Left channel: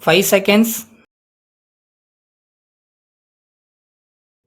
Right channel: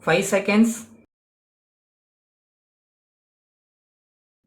5 seconds.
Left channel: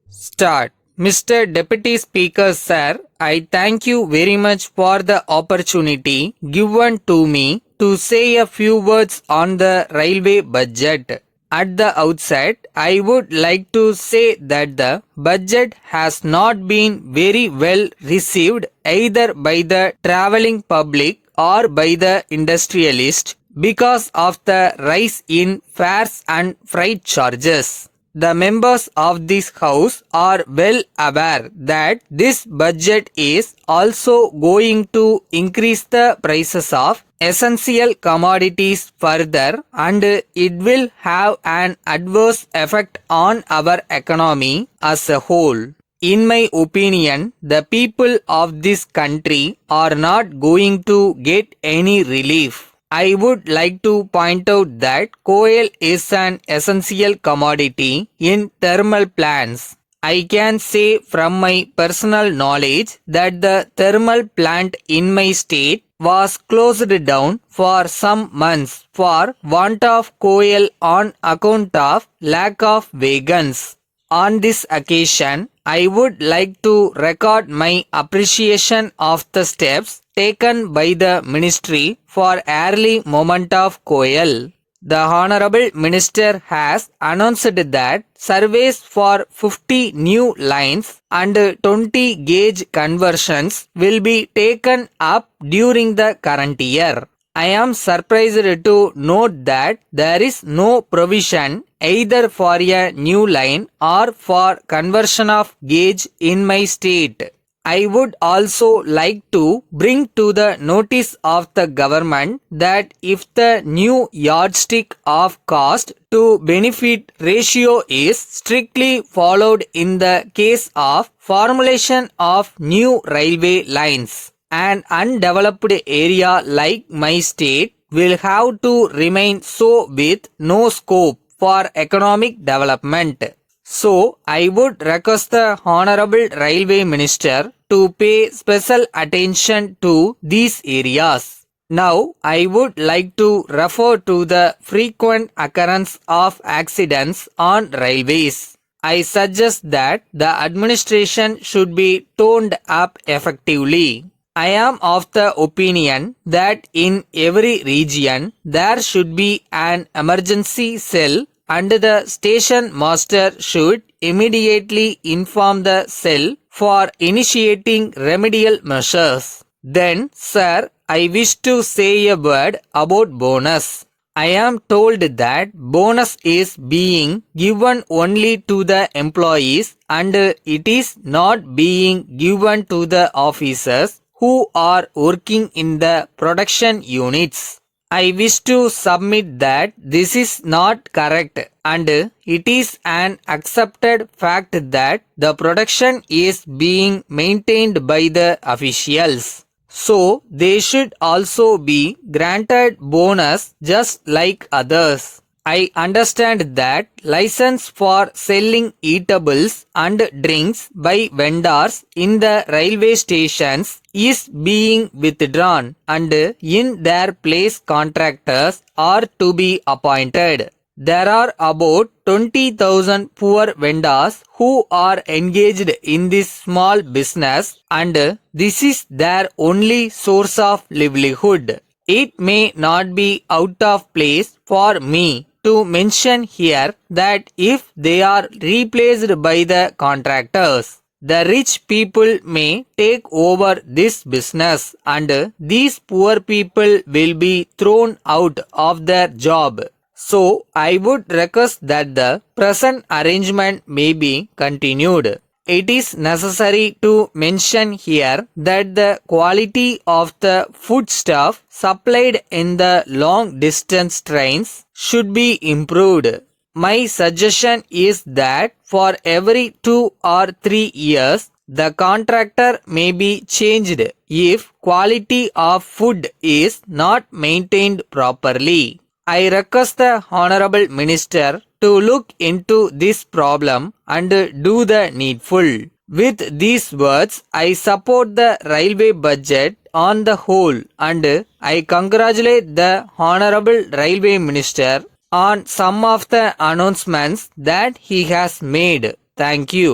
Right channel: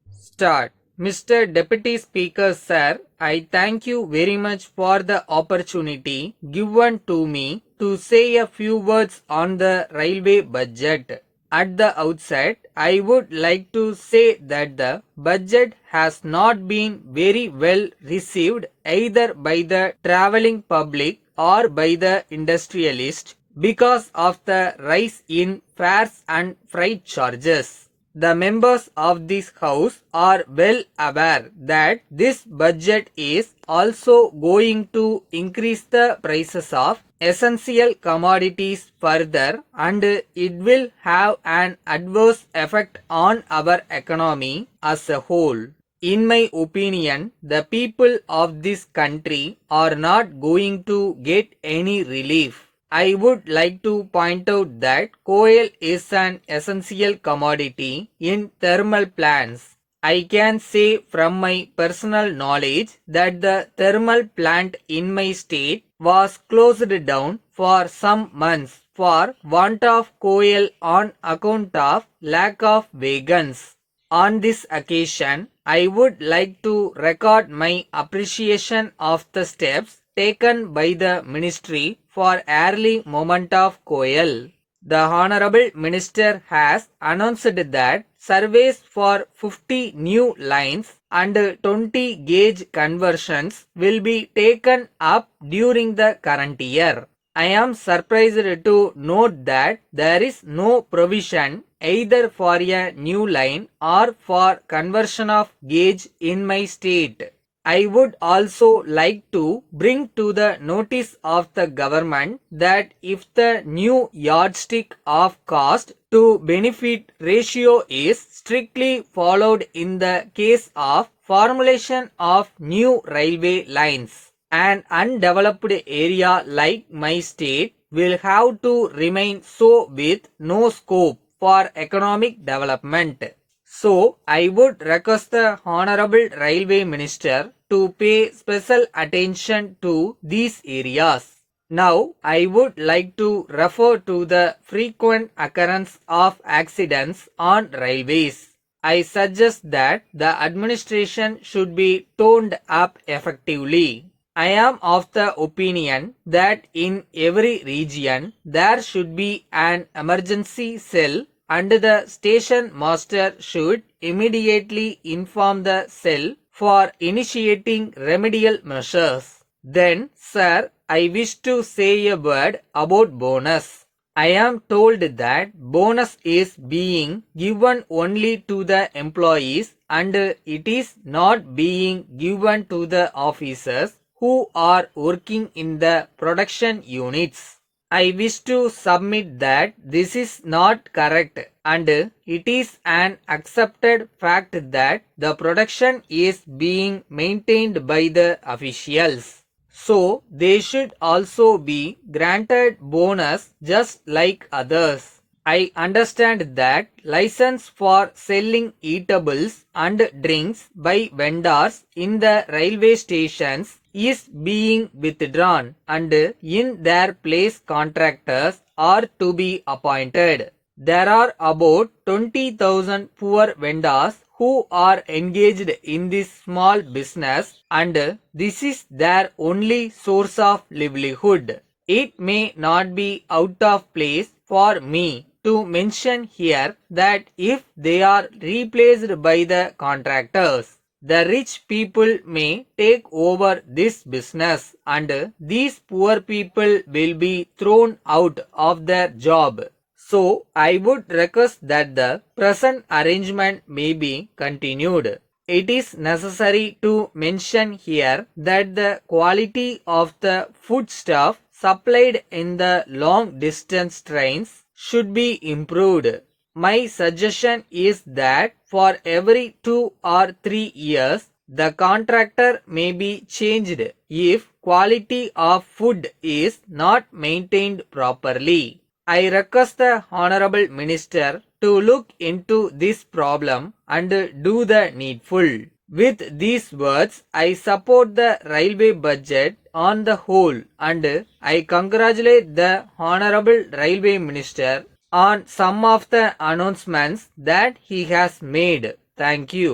Start. Mr. Deputy Speaker, sir, I thank you very much for the opportunity given to me to say a few words on the railway budget. At the outset, I would like to say that the budget has not been very well received either by the travelling public or by the industrialist because of the rise in fares and freight charges. The members of this house are well aware that this budget is also going to increase the prices of essential commodities further, and it will have an adverse effect on our economy as a whole. In my opinion, the people of this country are not going to get any relief. I would like to point out that coal is an essential commodity in thermal plants. I can say from my personal knowledge that the thermal plant in my state was closed down for some months for want of coal on account of lack of wagons. On this occasion, I would like to record my appreciation of the steps taken by the ministry for early movement of coal. The Honorable Minister has announced that surveys for 50 new lines and 20 gauge conversions will be taken up during the current year. I am surprised to note that there is no provision either for a new line or for conversion of gauge in my state. I would also like to bring to the notice of the government that if the new yardstick of cost to benefit ratio is strictly followed in the case of formulation of new railway lines, an undeveloped area like my state will have to remain so with no scope for economic development. So, I would request the Honorable Railway Minister to pay special attention to these areas. Now, I would like to refer to the frequent occurrence of accidents on railways. I suggest that the administration should be toned up effectively. I am of the opinion that in every region there should be an emergency cell and the station master should immediately inform the cell for initiating remedial measures. Then, sir, I wish to say a word about bonus. I am told that bonus is being given only to the employees and it is not being given to the officers who are working in the production units. I wish to submit that this is not correct and it is an accepted fact that the production is being maintained by the officials. So they should also be granted bonus just like others. I understand that license for selling eatables and drinks by vendors in the railway stations is being withdrawn and in their place contractors are to be appointed. There are about 20,000 poor vendors who are engaged in this small business and this is their only source of livelihood. It may not be out of place for me to mention here that if they are replaced by the contractors, the rich people may take over this business and these poor people will be thrown out of their job. So, I would request that the present arrangement may be continued. It is necessary to mention here that the quality of the foodstuff supplied in the long distance trains should be improved. My suggestion is that for every 2 or 3 years, the contractor may be changed if quality of food is not maintained properly. I request the Honorable Minister to look into this problem and do the needful. With these words, I support the railway budget on the whole and I congratulate the Honorable Railway Minister on some of the announcements that he has made. Thank you.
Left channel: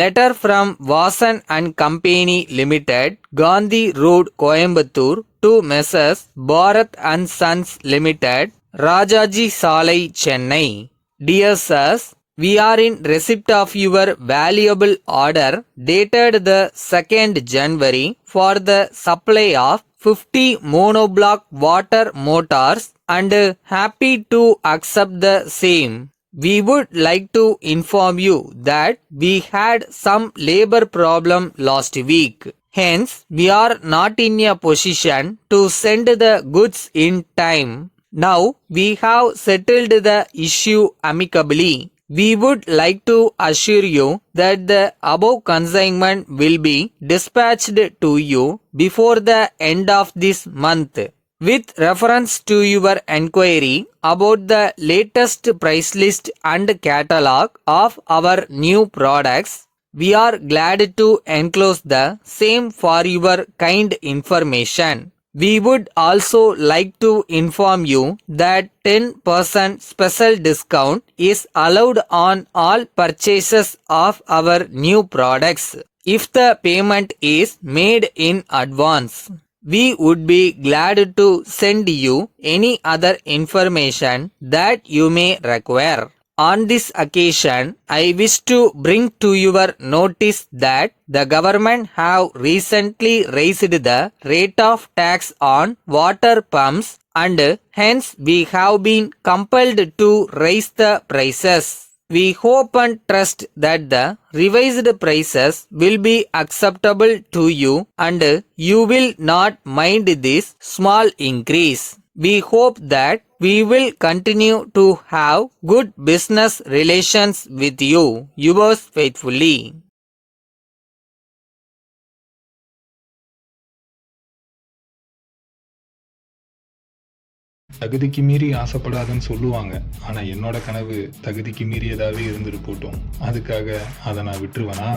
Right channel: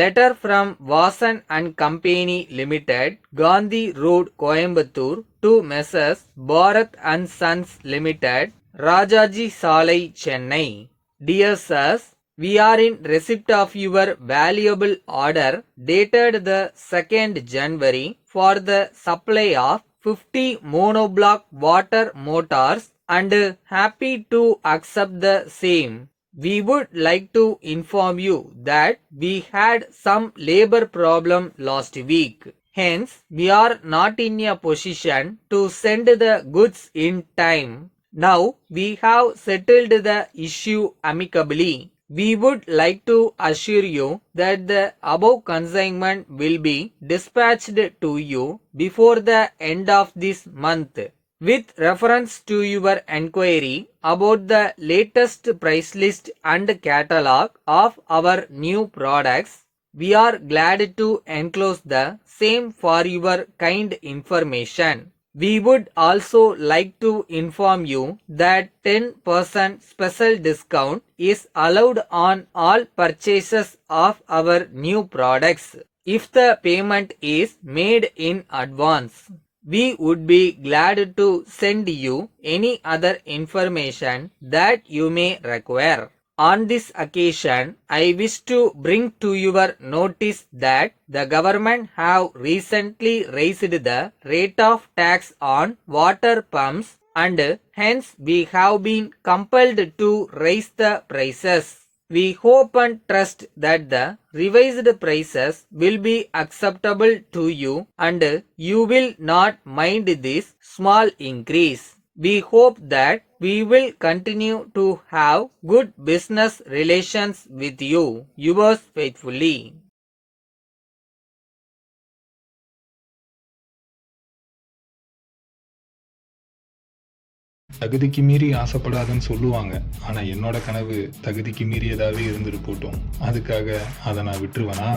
Letter from Vasan and Company Limited, Gandhi Road, Coimbatore to Messrs. Bharat and Sons Limited, Rajaji Salai, Chennai. Dear sirs, we are in receipt of your valuable order dated the 2nd January for the supply of 50 monoblock water motors and happy to accept the same. We would like to inform you that we had some labor problem last week. Hence, we are not in a position to send the goods in time. Now, we have settled the issue amicably. We would like to assure you that the above consignment will be dispatched to you before the end of this month. With reference to your enquiry about the latest price list and catalog of our new products, we are glad to enclose the same for your kind information. We would also like to inform you that 10% special discount is allowed on all purchases of our new products if the payment is made in advance. We would be glad to send you any other information that you may require. On this occasion, I wish to bring to your notice that the government have recently raised the rate of tax on water pumps and hence we have been compelled to raise the prices. We hope and trust that the revised prices will be acceptable to you and you will not mind this small increase. We hope that we will continue to have good business relations with you. Yours faithfully. தகுதிக்கு மீறி ஆசைப்படாதுன்னு சொல்லுவாங்க. ஆனா என்னோட கனவு தகுதிக்கு மீறியதாவே இருந்துட்டு போட்டும். அதுக்காக அதை நான் விட்டுருவேனா?